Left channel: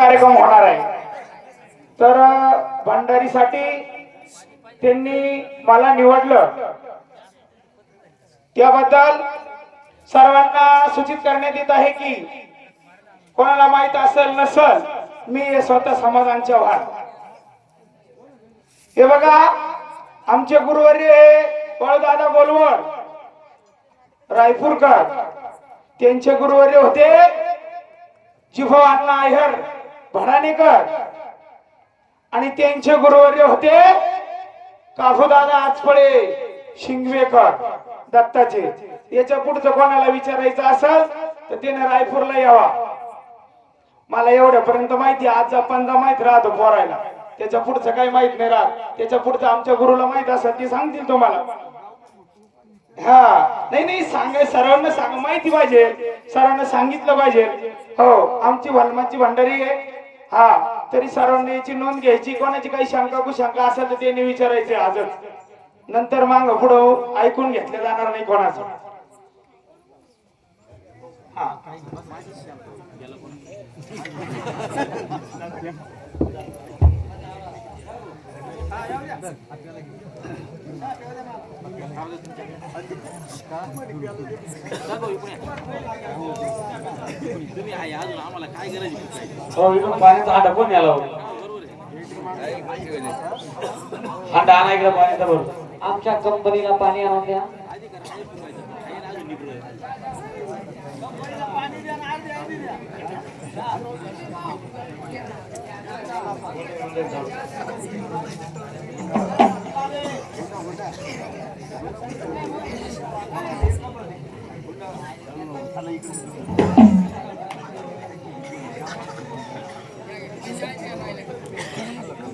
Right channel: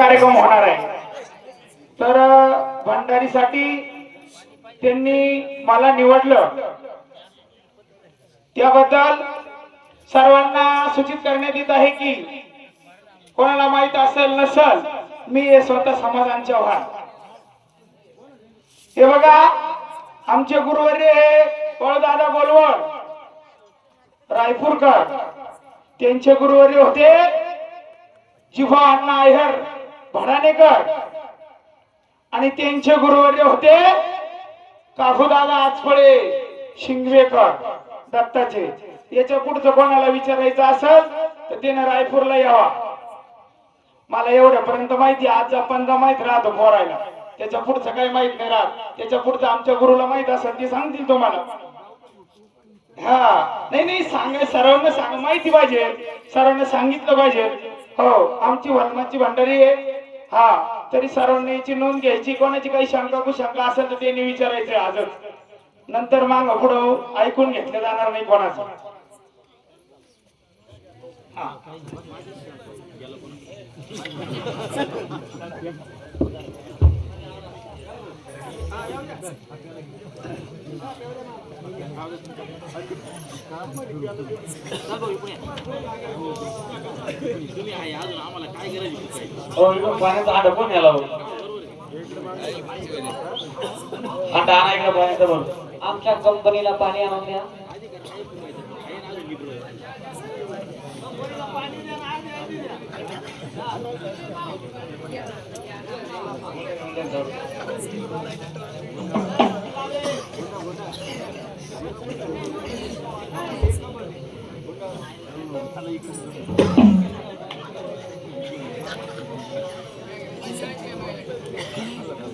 कार्यक्रम होणार आहे। तर भंडारीसाठी त्यांनी मला निवडलं त्याबद्दल सर्वांना सूचित करण्यात येत आहे की कोणाला माहित असेल नसेल मी स्वतः समाधान चव्हाण। हे बघा आमचे गुरुवर्य वळदादा गोलवड रायपूरकर त्यांचे गुरुवर्य होते जिभो अण्णा अय्यर भडाणेकर आणि त्यांचे गुरुवर्य होते काफूदादा आचफळे शिंगवेकर दत्ताचे। याच्या पुढचं कोणाला विचारायचं असेल तर त्याने रायपूरला यावा। मला एवढ्यापर्यंत माहिती आज पंजा माहित राहतो पोरायला, त्याच्या पुढचं काही माहित नाही राहत। त्याच्या पुढचं आमच्या गुरुला माहित असेल ते सांगतील तुम्हाला। हा नाही सांगाय सर्वांना सांग माहिती पाहिजे, सर्वांना सांगितलं पाहिजे। हो आमची वलमाची भंडारी आहे। हा तरी सर्वांनी याची नोंद घ्यायची, कोणाची काही शंका कुशंका असेल तर त्यांनी विचारायचे आजच, नंतर माग पुढं ऐकून घेतलं जाणार नाही कोणाचं। तुम्ही आहे अजून आम्हाला काय गरज आहे? पाण्याचा हांडा कोण याला हांडा आणा इकडे पाण्याचा बरोबर आमच्या कंपनीला पाणी आणून द्या। Halo,